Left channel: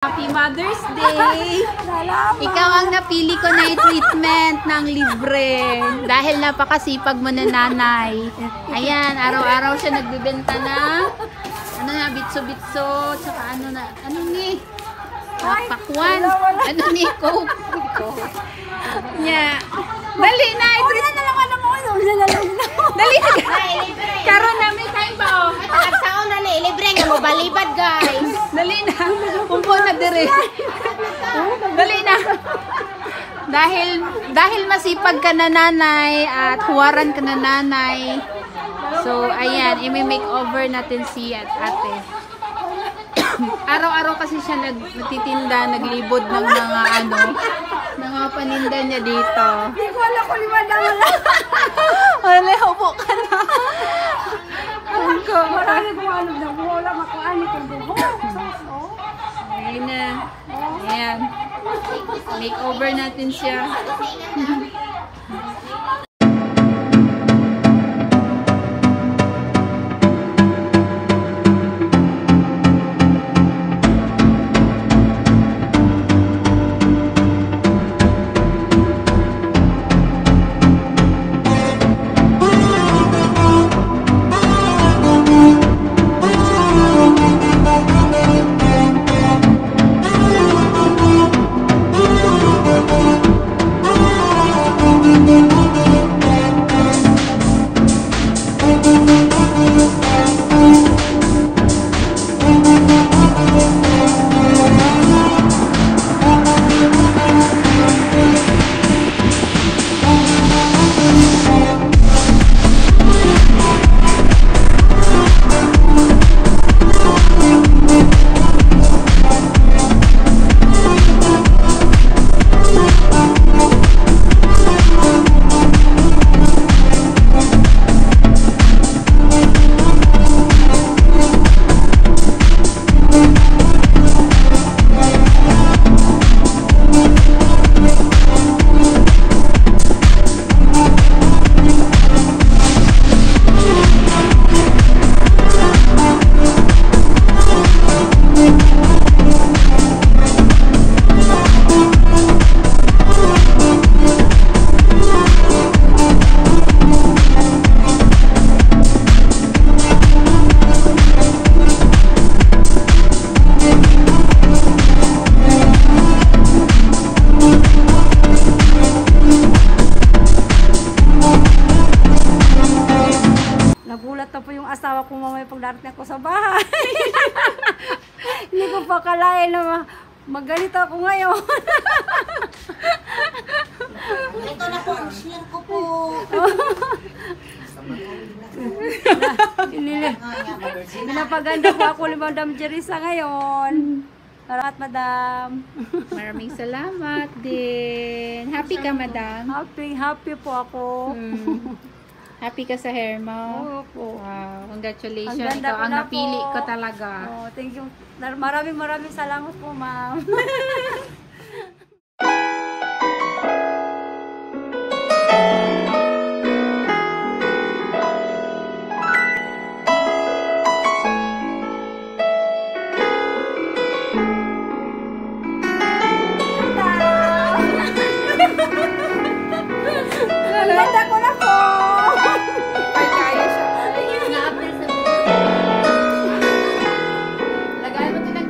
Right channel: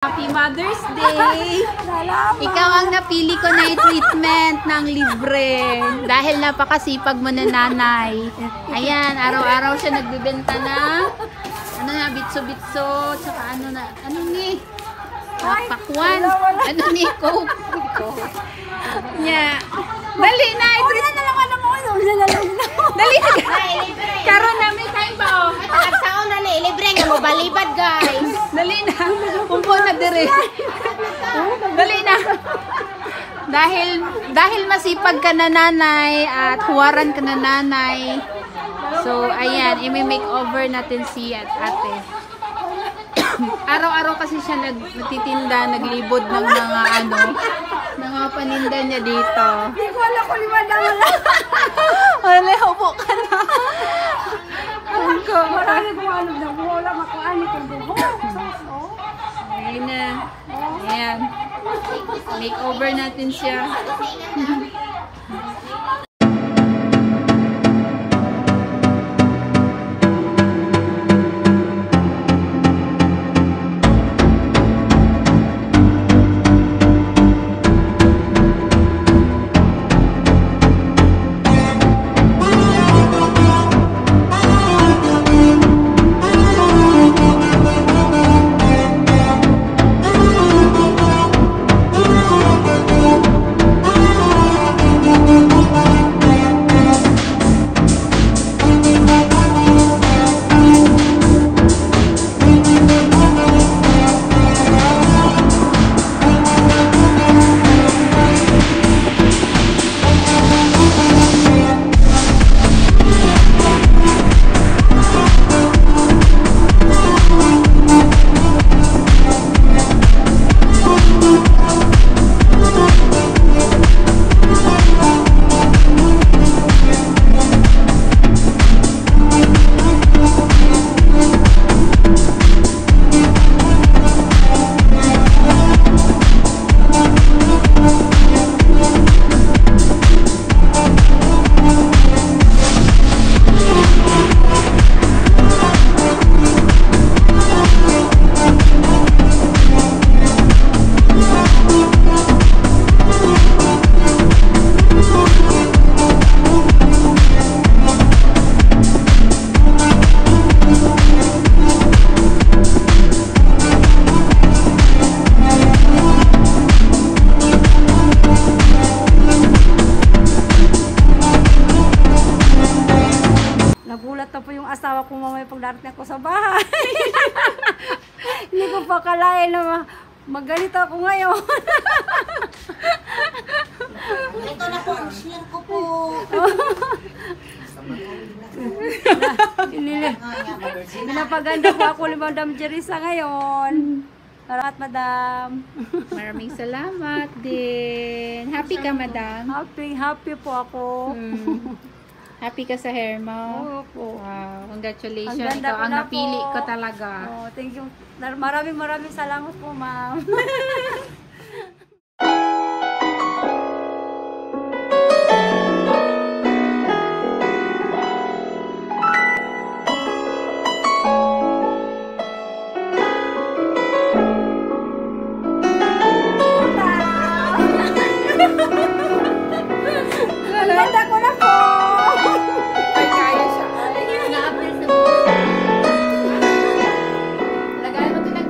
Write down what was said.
Happy Mother's Day! Ikaw ang napili ko na treatment ng libre dahil napakasipag mo na nanay. Ayan, araw-araw siya nagbibenta na bitso-bitso, tsaka ano ni? Pakwan. Ano ni? Coke. Yeah. Dali na, i-treat na lang Dali na. Karon na, may time ba o? Nagsaon na ni, libre nga mo balibad guys. Dali na. Umpo na dire. Dali na. Dahil masipag ka na nanay at huwaran ka na nanay. So, ayan, i-makeover natin si ate. Araw-araw kasi siya nagtitinda, naglibod ng mga paninda niya dito. Hindi ko alam kung limanda mo lang. Wala, upo ka na. Marami kong alam na wala makuhaan itong buhok. Ayan na. Ayan. Makeover natin siya. Nagulat na po yung asawa ko mamaya pag darating ako sa bahay. Hindi ko pa kalain na magalit ako ngayon. Ito na po ang share ko po. Pinapaganda po ako ni Madam Jerisa ngayon. Salamat, Madam. Maraming salamat din. Happy ka, madam? Happy po ako. Happy ka sa hair mo? Opo. Wow, congratulations. Ang ganda Ikaw ko ang na napili po. ko talaga. Oh, thank you. Maraming salamat po, ma'am.